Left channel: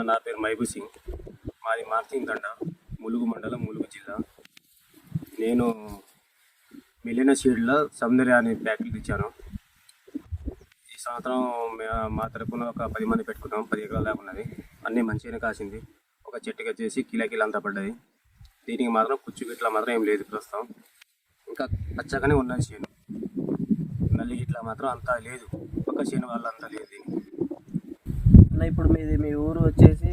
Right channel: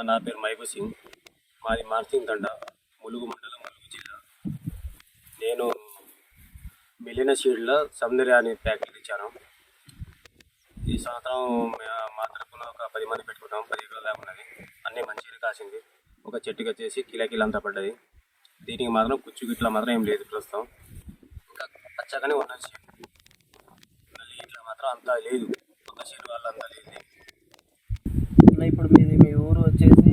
అన్న నా పేరు మహబూబ్ సింగ్. మాది మార్చింగ్ తండ ములుగు మండలం ములుగు జిల్లా. నేను మిలిన షీడ్లో సౌందర్య అనే ప్యాకెట్ ఇచ్చాను. ఈ సంవత్సరం మా తరపున ఒక పది మంది పెట్టుకున్నాం పది ఎకరాలు లేకున్నది ఉన్నది. అన్నీ మంచిగానే కాసింది. ఒక చెట్టుకి వచ్చేసి కిలా కిలో అంతా పడ్డది. దీనికి మాత్రం కుచ్చు గిట్లా మాత్రం ఏం లేదు ప్రస్తుతం. ఇంకా పచ్చగానే ఉన్నది చేను నల్లి గిట్ల మాత్రం అంతా లేదు. ఒక చేను వల్ల అంతా లేదు దీనికి. అన్న, ఇప్పుడు మీది మీ ఊరు వచ్చేసి?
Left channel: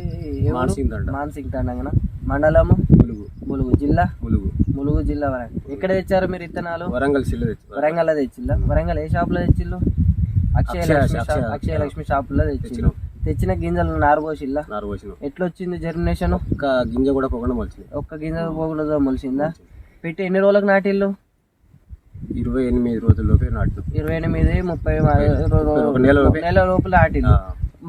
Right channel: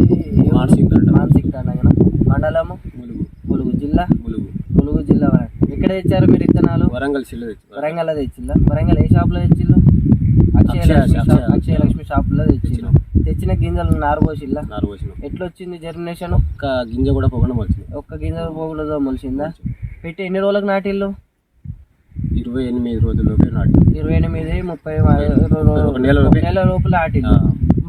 మాన్సింగ్ తండ. మాన్సింగ్ తండ కదా మండలము? ములుగు. ములుగు జిల్లా? ములుగు. ములుగు జిల్లా వరంగల్ ఎక్కడ తెచ్చారు మీరు విత్తనాలు వరంగల్ సిల్ల వరంగల్ తెచ్చిందా? వరంగల్ ఏ షాప్లో తెచ్చిల్లు అక్షయ లక్ష్మి అక్షయ- షాప్ అక్షయ లక్ష్మి షాప్లో తెచ్చిల్లు తెచ్చినాం. తెచ్చిన గింజలు నారబోసిల్లా నారు పోసిన ఎట్లా వచ్చింది జర్మినేషన్ ఒక్క గింజ కూడా పొగడం వచ్చింది ఒక్క గింజ పోగులతో మొలిసిందా పెట్టి ఎన్ని రోజులకు నాటిల్లు ఇరవై ఎనిమిది రోజుల్లోపే నాటు ఇరవై ఎనిమిది ముప్పై. నెల లోపల నాటిల్లు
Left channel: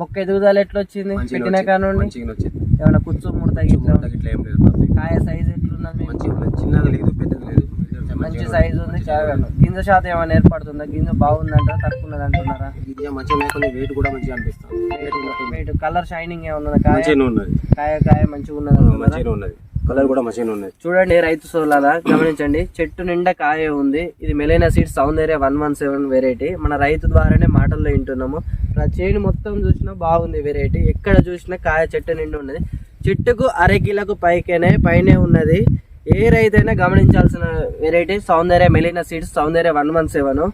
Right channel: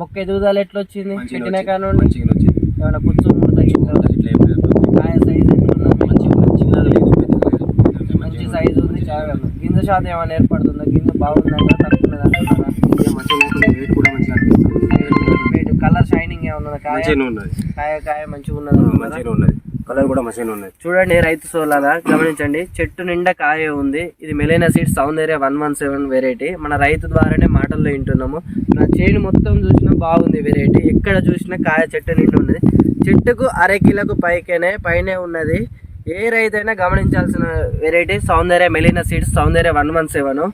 మొక్క ఎదుగుదల ఎట్లా వచ్చింది. పెట్టిన మంచిగా వచ్చింది. ఏమైనా కుచ్చు ముడత గిట్ల? చూడటానికి ఇట్లా ఏం లేదు. కాయ సైజ్ ఎట్లున్నది మంచిగా ఉన్నది చిన్నది లేదు పెద్దది లేదు. కొంచెం మంచి మంచిగా సైజు ఉంది. చాలా గింజ శాతం ఏమైనా ఏర్పడుతుందా? గింజ బాగుందంట తక్కువ అంటున్నారా గింజ మంచిగా లేకుండా వెయిట్ కూడా మంచిగా అనిపిస్తుంది. కలర్ షైనింగ్ ఏమన్నా కాయ? కాయ కాయ మంచిగా ఉన్నది? మంచిగానే ఉన్నది. కలర్ కూడా మంచిగానే ఉన్నాయి చూడండి రైతు సోలారా గమనించండి. చెట్టు నిండా కాయ ఉంది. ఇది Melina seeds Soundarya one one seven variety. మన రైతు ద్వారానే మాటల్లో వింటున్నాము. నా చేను మొత్తం చూసినా బాగుంది వెరైటీ ఎక్కడ చూసినా కాయ చెట్టు నిండి ఉన్నది. చెట్టుకు అరకిలకు పైకేనే పైనే ఉన్నది. ఏ రైతైనా గమనించాల్సిన variety Soundarya Melina seeds Soundarya one one seven.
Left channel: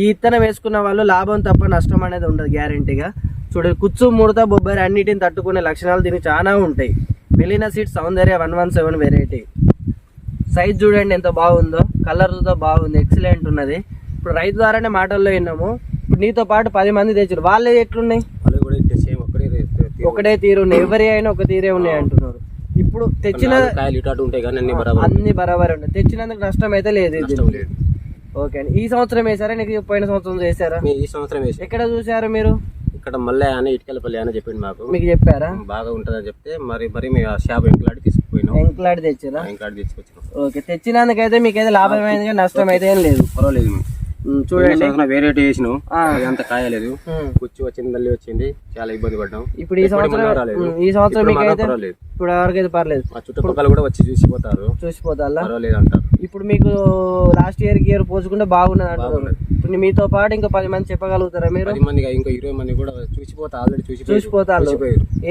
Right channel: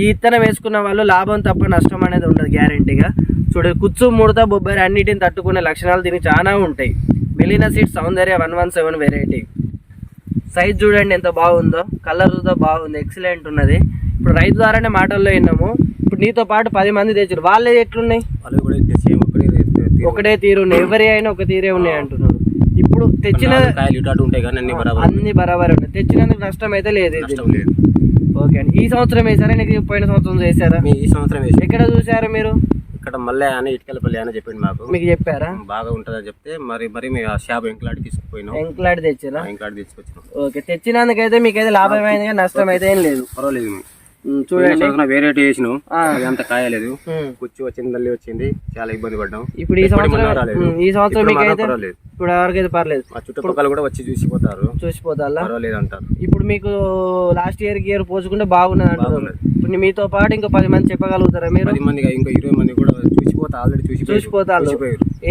ఈ ఇత్తనం వేసుకున్న వాళ్ళు లాభం తప్ప నష్టం అనేది ఉండదు గ్యారంటీగా చూడండి కుచ్చు ముడత బొబ్బరి అన్నిటిని తట్టుకునే లక్షణాలు దీనికి చాలా ఉంటాయి. Melina seeds Soundarya one one seven variety size చూడండి ఎంత బాగుందో కలర్తో బాగుంది ఎక్సలెంట్ ఉన్నది. ఇప్పుడు రైతు ద్వారానే మాటల్లో విన్నాము. ఇప్పుడు నీతో పాటు పది మంది తెచ్చారు. వాళ్ళే ఎట్లున్నాయి? వాళ్ళు కూడా. ఒకటే తీరు. ఉన్నాయి. ఎవరి అయినా ఒక తీరే ఉన్నాయి అంటున్నారు. ఇప్పుడు తెచ్చిన అన్ని బరాబర్ అన్ని బరాబర్ ఉన్నాయి. తెచ్చినందుకు నష్టం అయితే లేదు ఓకే అండి. ఈ సంవత్సరం వేసారా? నీకు పోయిన సంవత్సరం చేశారా? ఈ సంవత్సరం ఎక్కడ చూసారు మీరు? ఇక్కడ మళ్ళీ అని ఇటుకలపల్లి అని చెప్పింది మాకు. మీకు చెప్పారా? బాగా ఉంటుందని చెప్తే మరి మరి మేము ఆ షాప్ ఎంకలాడి తీసుకుపోయినాం. ఎంక్లాడ్ తెచ్చారా ఎంకలాడి తీసుకొచ్చినాం. ఓకే తెచ్చినందుకైతే మీకైతే లాభమైంది కానీ నష్టం అయితే ఏం లేదు. పర్వాలేదు. చూడండి. వేరేటి ఆ. అది అంత కాయలేదు. కుచ్చి వచ్చింది తల్లి వచ్చింది చాలా ఇబ్బంది పడ్డాం. ఇప్పుడు ఈ సంవత్సరం ఈ సంవత్సరం పర్వాలేదు. ఇప్పుడు ఎవరికైతే పర్లేదు. మా చుట్టుపక్కల కూడా వచ్చి చూసిపోతారు. చూసిపోతా పర్వాలేదు అంటారు ఇప్పుడు మీకు లాస్ట్ ఇయర్కి ఇయర్ పోల్చుకుంటే బాగున్నది. ఇప్పుడు మీతో పాటు ఇంకా పది మంది చెప్పగలుగుతారా మీరు? పది మంది ఇంకో ఇరవై మంది కూడా చూసిపోతా ఆల్రెడీ చూసి చూసిపోతారు.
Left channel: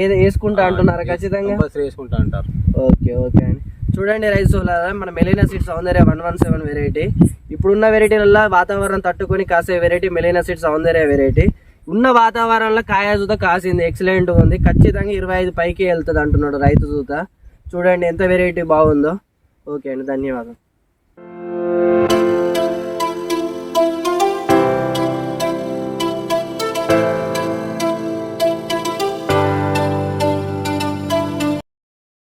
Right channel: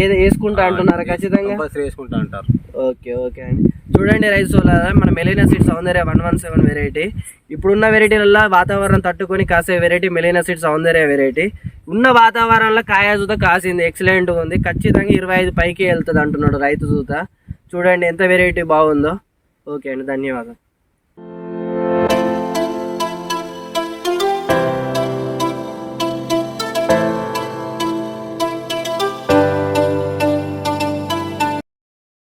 ఏది వేసుకుంటా అంటున్నారా ఖచ్చితంగా? వేసుకుంటా అంటారు. ఓకే ఓకే అండి. చూడండి రైతు సోలారా మన Melina seeds Soundarya one one seven variety. ఇప్పుడున్న వెరైటీలలో వాతావరణం తట్టుకొని కాసే variety Melina seeds Soundarya variety. ఉన్న వాతావరణంలో కాయ జూత కాసింది ఎక్సలెంట్ ఉంది. ఖచ్చితంగా ఇరవై ఐదు పైకి వెళ్తుంది అంటున్నాడు రైతు జూత. చూడండి ఎంత వెరైటీ బాగుందో. ఓకే అండి ధన్యవాదాలు.